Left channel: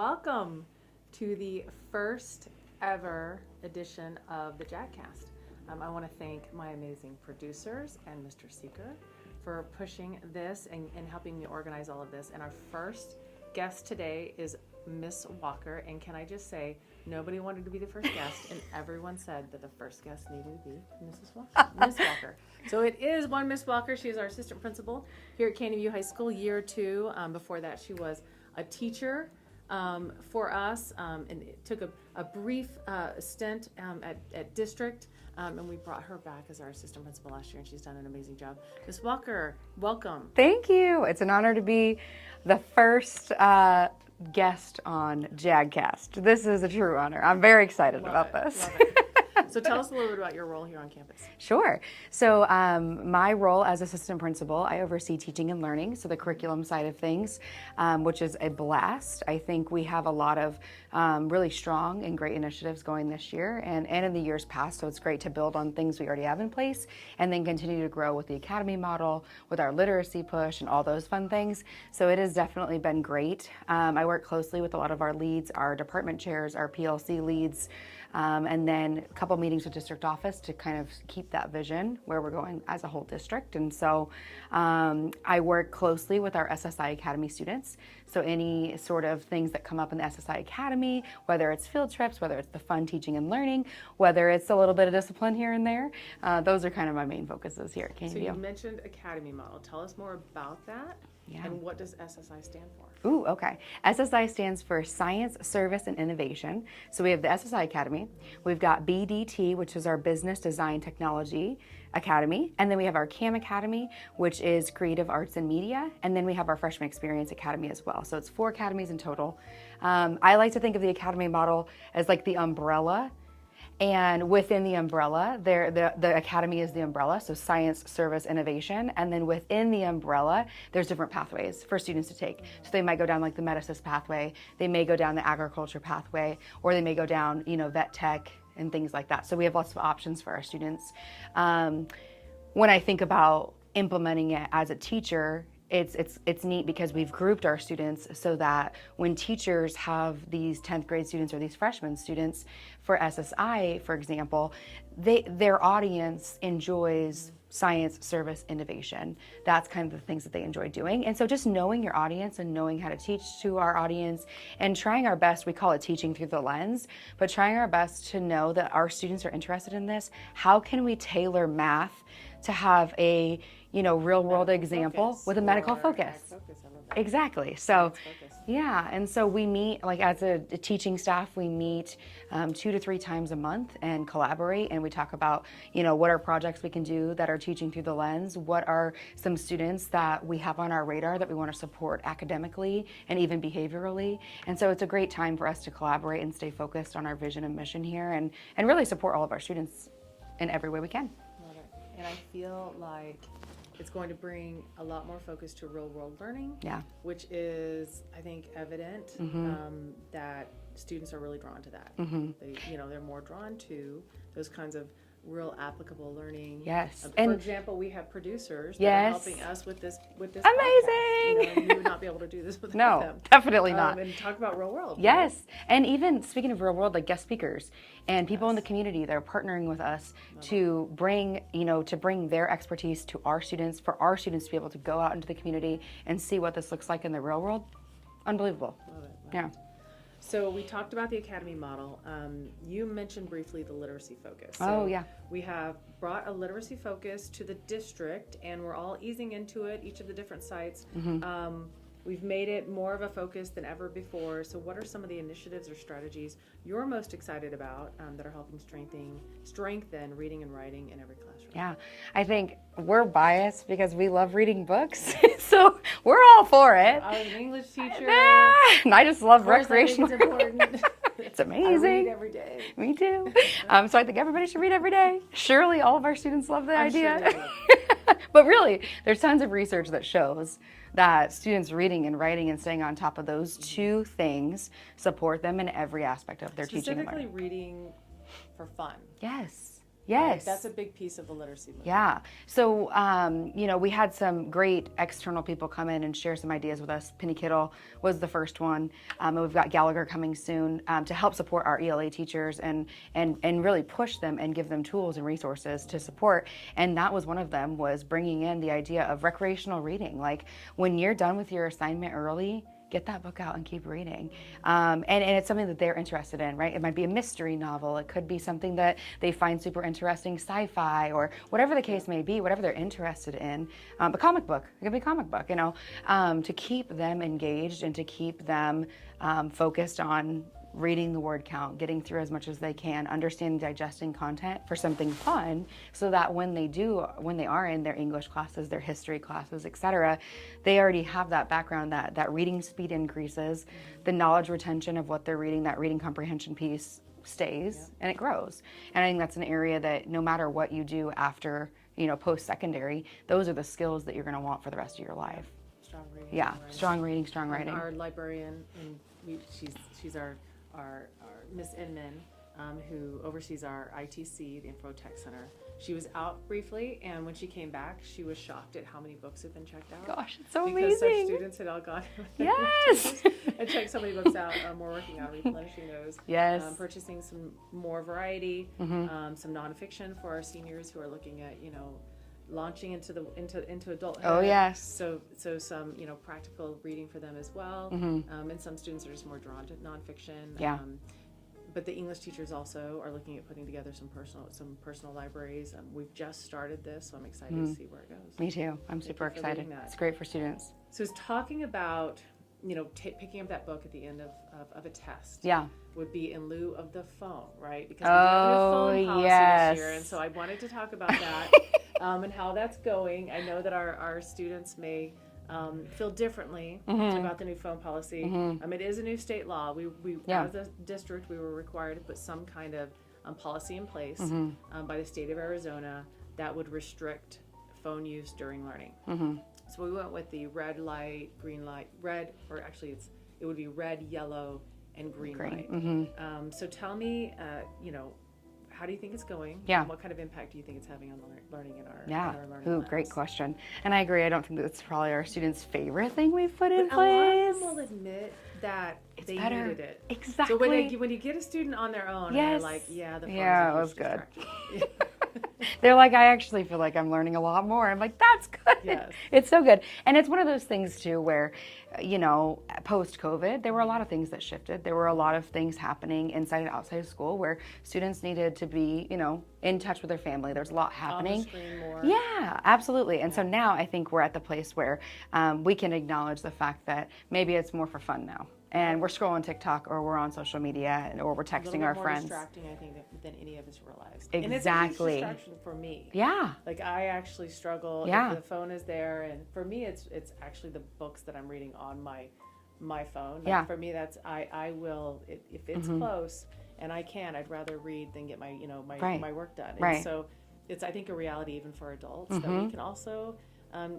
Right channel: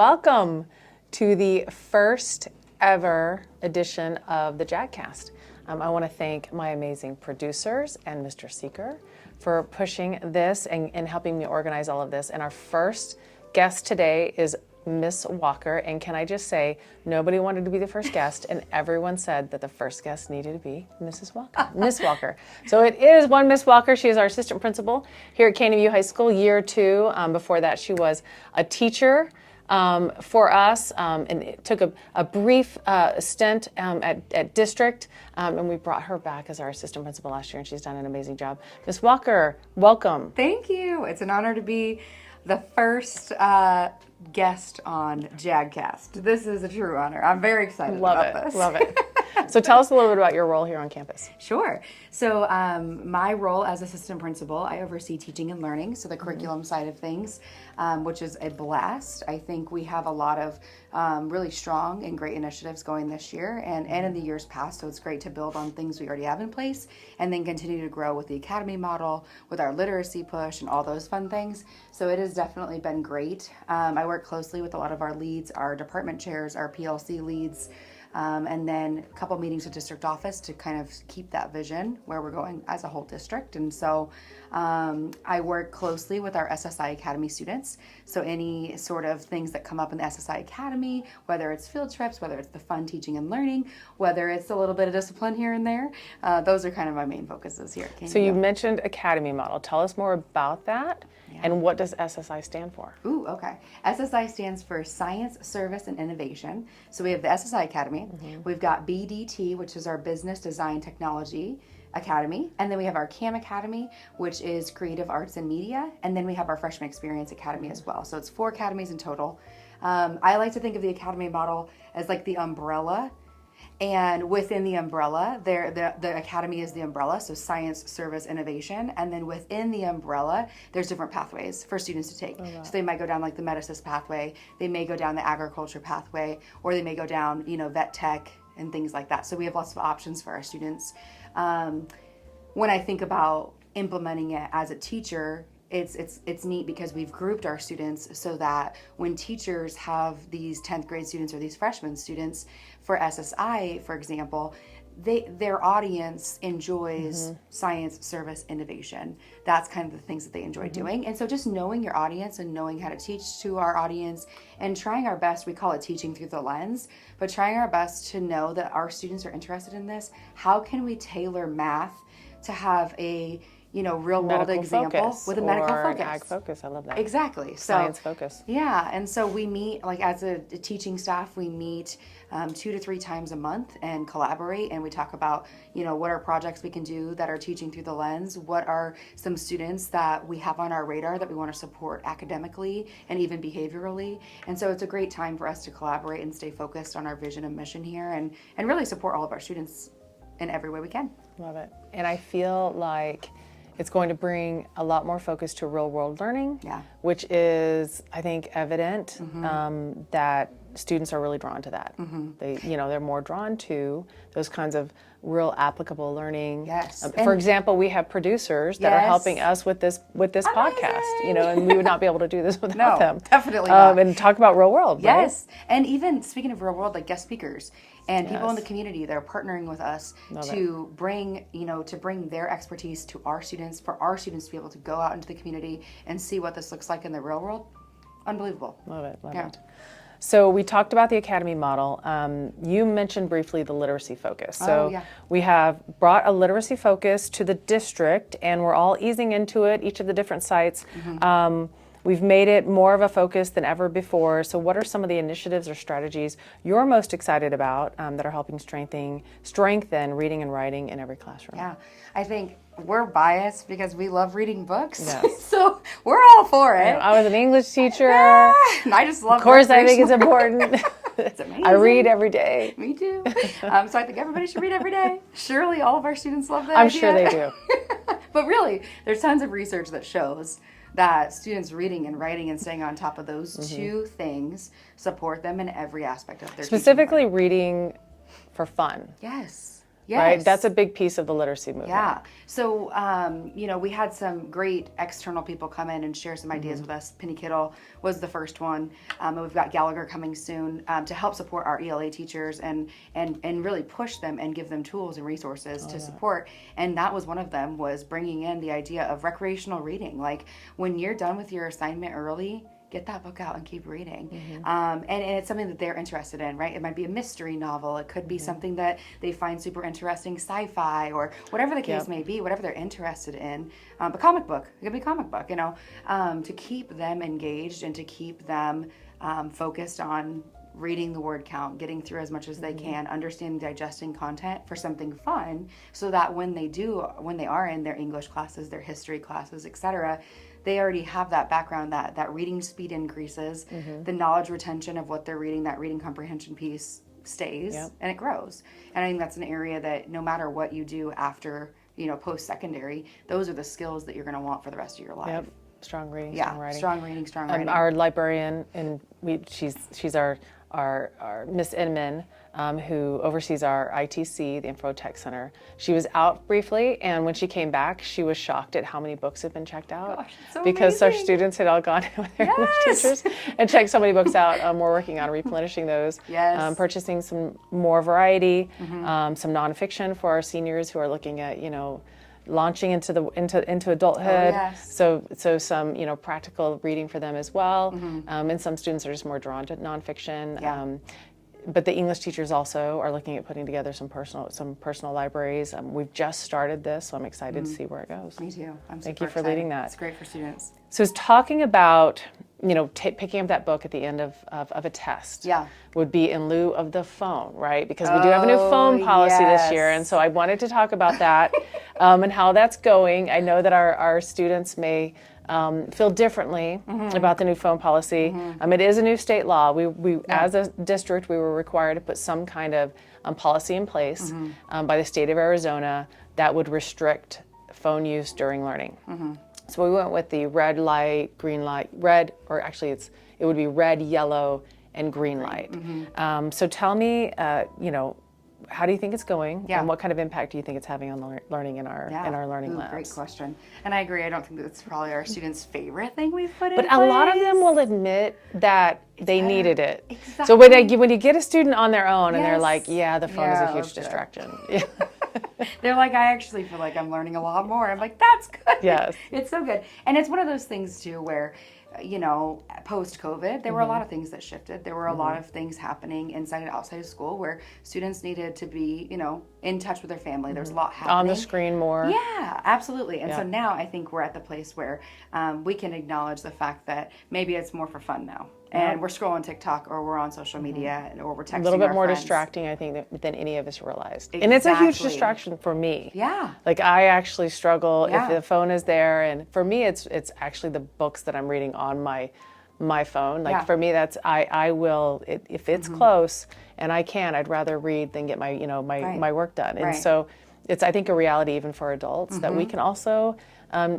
welcome to the first ever edition of the Jag Cast. I want to thank my amazing producers and Mr. Seeker for pushing this and helping me organize all of this. And our first guest today is Miss Walker. And can I just say, nobody wanted to be the first guest, and everyone said that the first guest needed to be Mrs. Walker, Miss Walker. So it is one Miss Walker. She is our assistant principal here at Canyon View High School, year 2. Before that, she was a teacher for us, and it took a brief stint at district, and we brought her back as our assistant principal last year, and she's done an amazing job. Miss Walker, welcome. Thank you. It's an honor to be the first guest on Jag Cast. This is a true honor. I'm very excited about this. Love it. So tell us a little bit about your role here on campus. Sure. So my role as assistant principal, I oversee teaching and learning, so the curriculum side of things, which is a blast. I think we have a lot of really strong and great initiatives going this year and in the years past, so it's great to build on things we already have in place and then continue to grow with the academy model, with our literacy push and all those fun things. So it has definitely been great. I work closely with a lot of our leads, our department chairs, our PLC leads, and then a couple meetings with district office to kind of keep that vision where we're going as a whole district. And so I work closely with our SSI Academy students. So any sort of things that come up in the SSI Academy, whether it's field trips, whether it's the fun teaching and learning, whether it's a little bit of discipline here and there, those are kind of my main focuses here at Canyon. So you mentioned Academy Model. Tell us more about that. Yeah. And what does SSI stand for? Ooh, okay. SSI stands for Science, Service, and Innovation. So we have the SSI Academy. Mm-hmm. We've got BDT, which is our Business Design Technology Academy. And then we have our CAM Academy, which is Creative Arts and Media. And then we have our Freshman Experience Academy as well. So it's 4 academies in total. I like to think of the academy model as like the umbrella. And within the umbrella, the academy is the umbrella, so science, service, innovation. And then within the umbrella, there's different pathways for students to take. So they might go down like the medicine pathway, they may go down the agriculture pathway, or they may go down, vet tech and things like that. So we have lots of options for our students. When I think about implementing it as a teacher, it's neat because we've grouped our students so that when teachers have these 10th grade students or these freshman students for SSI, for example, their audience enjoys science, service, innovation. That's kind of the things that they enjoy doing. And so just knowing your audience and knowing how to teach to our audience and trying our best, we call it teaching through the lens, but trying our best to know that our students are interested in this. How can we tailor math to have a real world example with a medical focus. Ag focus, I love that. Exactly. Science focus. Yeah, and so we meet, like as a teaching staff, we meet 2 to 3 times a month and collaborate, and we talk about, what are projects we can do that are teaching through the lens, what are some students that we have on our radar that we want to support academically and even behaviorally. And so it's a great time for us to collaborate and stay focused on our vision and mission here and really support all of our students in every way we can. Love it. And I feel like it's going to bring a lot more focus to real world learning, which is, I think, evident that students are really drawn to that. They're more drawn to those kinds of real applicable learning. Yes. For example, we have producers that are helping us with this podcast, and we would not be able to do this without them. Definitely not. And talk about real world. Yes. Right? And even speaking of real world, like guest speakers and people in the community, they're partnering with us to bring their expertise to our students, for our students to be able to go out into the community and see what this looks like in the real world. Unbelievable. Love it. So we talked about the academy model. You mentioned briefly the literacy focus. So we have brought a literacy focus to the district, and we're all easing into it, each of the different sites. We've made it more of a focus than ever before. So what are some of the initiatives or strategies you're most excited about that are helping strengthen reading and writing in every classroom? Yeah, I think we're biased because we love reading books. Yes. So we're all for it. I was an English teacher. And I just love Of course, I think it's important. It's amazing. I read every day. Me too. So I think everybody should read every day. Surely all of our students love that I'm idea. sure they do. But really, there's tons of research that shows that students reading and writing and staying on top of those 2 things support them in every aspect of their Specifically teaching. reading for fun. Yes. right? Yes. That's a big piece of the literacy movement. Yeah. So, we had some great external people come in and share some ideas with us. Penny Kittle was the first one. And we've got Gallagher coming soon to help support our ELA teachers and really push them and give them tools and resources to support. And that was one of them, was bringing in the idea of recreational reading. Like, when you're done with your assignment early, get that book out and keep reading. And it's something that they're interested in, right? It might be a mystery novel. It could be something that they find super interesting, sci-fi, or whatever the case may be, whatever they're interested in. A comic book, it could be a comic book, to keep them engaged and to keep them focused on reading the word count, getting through as much as they can, understanding, digesting content for something fun, so that when they are in their English classes, their history classes, etc., they already have that background, that reading speed increases, the knowledge retention of what they're reading, that reading comprehension piece stays, and it grows. And I think that's an area that no matter what you do after, post-secondary, those are the skills that you're going to want for the rest of your life. Yep. Strong reading, Yeah, strong writing. strong reading, strong writing. Our librarian, and she's our Miss Inman, who oversees our ITC, the Info Tech Center. She was out briefly, and when she came back, she was shocked at how many books have been checked out. Gosh, so because our amazing. students had all gone with their English teachers and checked so many books out. We're working on replenishing those. Yes. Purchasing some more variety, some nonfiction for our seniors who are looking at, launching into adulthood. Oh, yes. So some practical reading for them as well. And some students are just more drawn to nonfiction. Yeah. But the English teachers also are looking at putting together some personal libraries. We've just started this, so I'm excited to see where it goes. Me too. I'm Thank super you for excited. leading that. It's great for students. So it's talking about picking up that book at the end of a test. Yeah. Would be in lieu of the phone, right? Because we do have a new phone policy this year, and so I wanted to talk about that and how that's going. I know that our students may feel differently about the new phone policy. It is a new state law. We as a district, we were required to put some kind of policy in place by the state of Arizona that would restrict phone use during learning. So we went with the red light, green light, red, or actually it would be red, yellow, and green light. So tell me, how do you think it's going? Yeah. And what kind of impact do you think it's having on learning in our learning labs? Great question. And I agree. I don't think that's probably our students' favorite thing we've put in But place. a lot of them will admit that they better. needed it. Exactly. So when you get a student on their own and they're Yes. like, yeah, the phone is a huge distraction. They're like, I actually feel like I'm learning a lot more. I'm like, that's good. Yes. It's so good. And it's one of those things too where, post-COVID, there were a lot of things that shifted. There were a lot of things happening inside and outside of school where students needed to be, in touch with their family. There's a lot happening. On the screen more. Yeah, absolutely. And so now I think we're at the place where we can acknowledge the fact that maybe it's more for fun now. And we're scrolling TikTok, or we're on social media, or we're texting A little bit our more friends. distracting, I think, than any of us realized. And it's a huge Exactly. distraction for me. Yeah. Like, I actually struggle Yeah. if the phone is there, and for me, it's actually the books that I'm reading on my phone. Like, Yeah. for me, that's I will if it's close and I can, I'd rather read than get my my work done. And Right. so it's, I think, a reality even for adults that we can also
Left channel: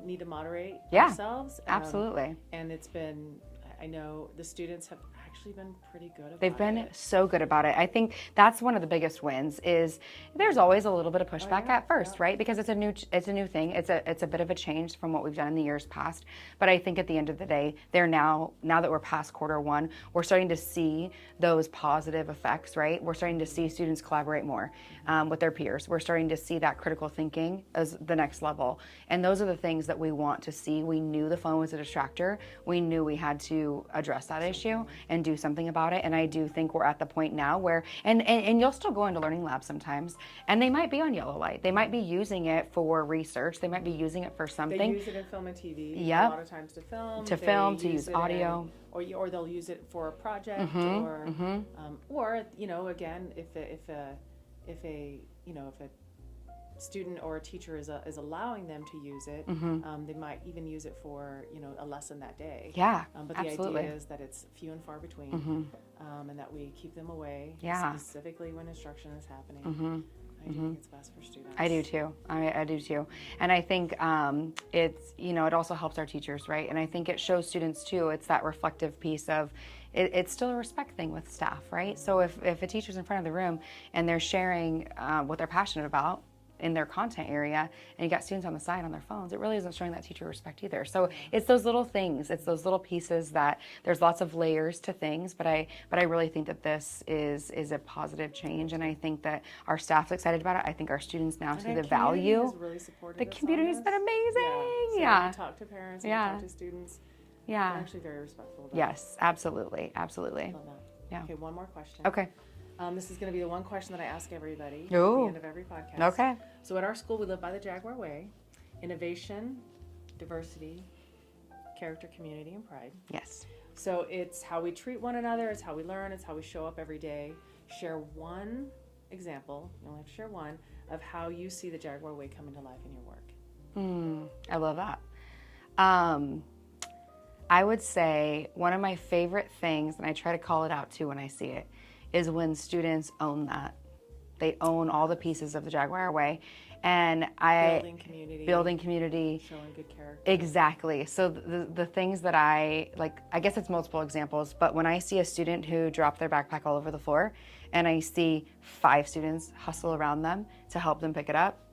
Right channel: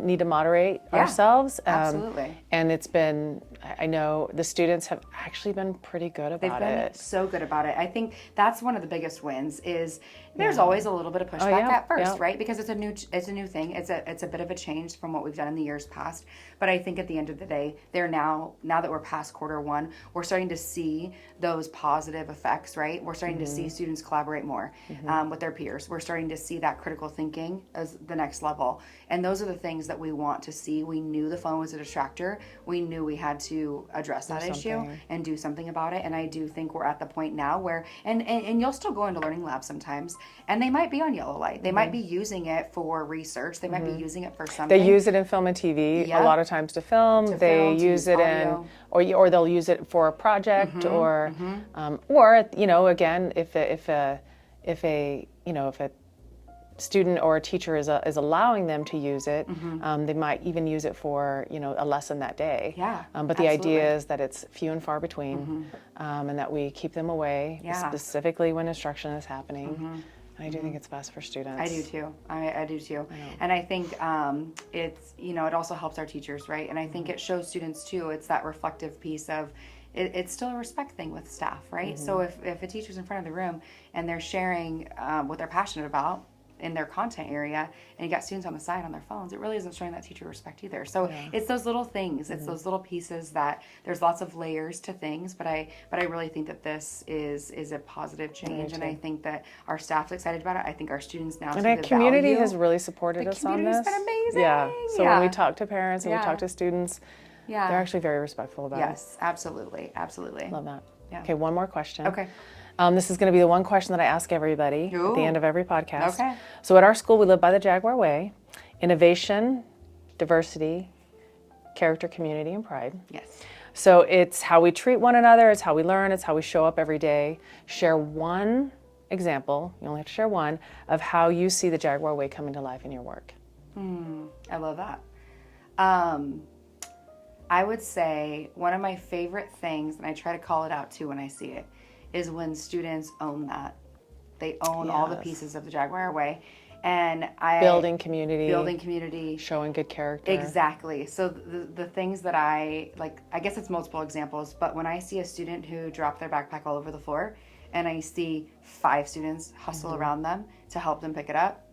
need to moderate Yeah. ourselves. Absolutely. And it's been, I know the students have actually been pretty good about They've been it. so good about it. I think that's one of the biggest wins is there's always a little bit of pushback yeah, at first, yeah. right? Because it's a new thing. It's a bit of a change from what we've done in the years past. But I think at the end of the day, they're now that we're past Q1, we're starting to see those positive effects, right? We're starting to see students collaborate more with their peers. We're starting to see that critical thinking as the next level. And those are the things that we want to see. We knew the phone was a distractor. We knew we had to address that issue and do something about it. And I do think we're at the point now where, and you'll still go into learning labs sometimes, and they might be on yellow light. They might be using it for research. They might be using it for something. They use it in film and TV Yep. a lot of times to film. To They film, to use it audio. or they'll use it for a project or again if a student or a teacher is allowing them to use it, they might even use it for a lesson that day. Yeah, But the idea absolutely. is that it's few and far between, and that we keep them away, Yeah. specifically when instruction is happening. And I do think it's best for students. I do too. I do too. And I think it's, it also helps our teachers, right? And I think it shows students too, it's that reflective piece of, it's still a respect thing with staff, right? So if a teacher's in front of the room and they're sharing what they're passionate about in their content area, and you got students on the side on their phones, it really isn't showing that teacher respect either. So it's those little things, it's those little pieces that there's lots of layers to things, but I really think that this is a positive change, and I think that our staff's excited about it. I think our students now see the And the community value. has really supported us on this. The community's been amazing. Yeah. So when we talk to parents and we talk to students, they're actually very respectful about it. Yes, absolutely, absolutely. Love that. Yeah. Okay, one more question. Okay. This is going to be the one question that I ask everybody at the end of every podcast. Okay. So at our school, we live by the Jaguar Way. Innovation, diversity, character, community, and pride. Yes. So it's how we treat one another, it's how we learn, it's how we show up every day. Share one example, you only have to share one, of how you see the Jaguar Way coming to life in your work. I love that. I would say one of my favorite things, and I try to call it out too when I see it, is when students own that. They own all the pieces of the Jaguar Way. And building community, showing good character. Exactly. So the things that I guess it's multiple examples, but when I see a student who dropped their backpack all over the floor and I see 5 students hustle around them to help them pick it up,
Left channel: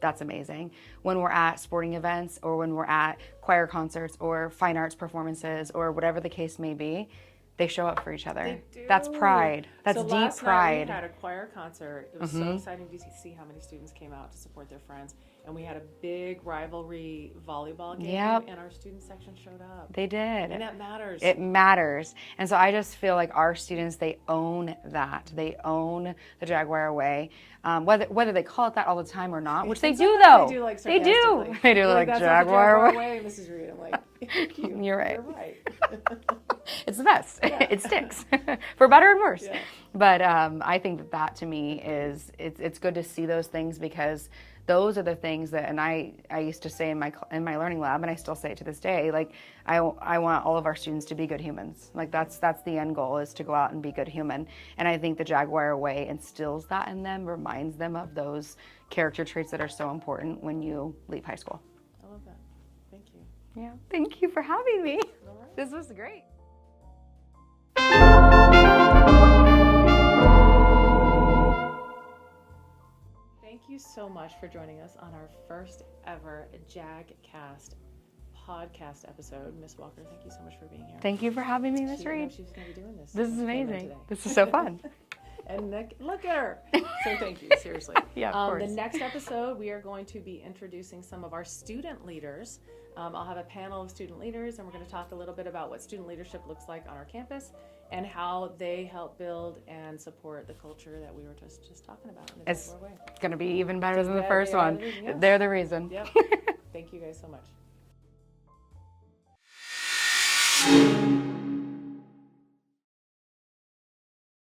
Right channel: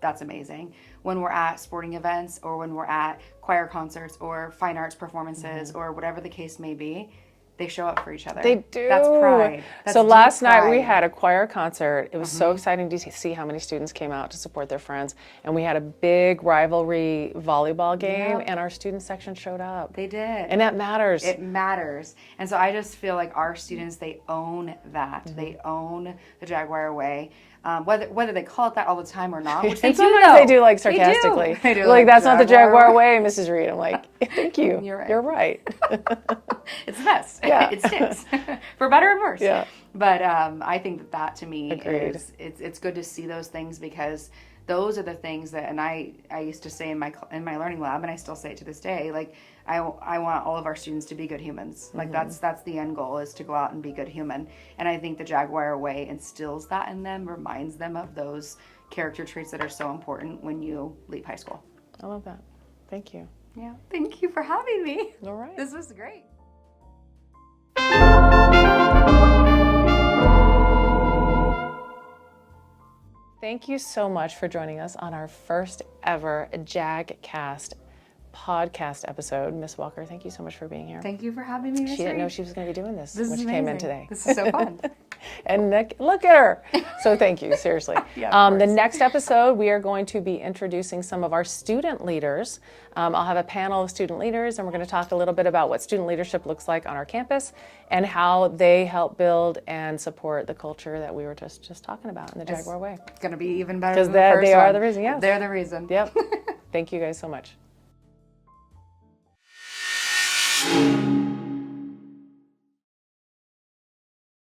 that's amazing. When we're at sporting events or when we're at choir concerts or fine arts performances or whatever the case may be, they show up for each other. They do. That's pride. That's so deep last night we pride. had a choir concert. It was so exciting to see how many students came out to support their friends. And we had a big rivalry volleyball game, and our student section showed up. They did. And that matters. It matters. And so I just feel like our students, they own that. They own the Jaguar Way. Whether they call it that all the time or not, which they do Sometimes know. they do, like, sarcastically. They do. Like, that's not the Jaguar Way, Mrs. Reid. I'm like, thank you. You're right. You're right. It's the best. Yeah. It sticks. For better and worse. Yeah. But I think that to me Agreed. is, it's good to see those things, because those are the things that, and I used to say in my learning lab, and I still say it to this day, like, I want all of our students to be good humans. Like, that's the end goal, is to go out and be good human. And I think the Jaguar Way instills that in them, reminds them of those character traits that are so important when you leave high school. I love that. Thank you. Yeah. Thank you for having me. All right. This was great. Thank you so much for joining us on our first ever Jag Cast podcast episode. Miss Walker, thank you so much for being here. Thank you for having me. She didn't know she was going to be doing this This when is she amazing. came in today. This is so fun. And look at her. So thank you, seriously. Of the course. next episode, we are going to be introducing some of our student leaders. I'll have a panel of student leaders, and we're going to talk a little bit about what student leadership looks like on our campus and how they help build and support the culture that we were just talking about in the Jaguar Way. It's going to be even better Because than the first they are one. the reason, yes. They're the reason. Yep. Thank you guys so much.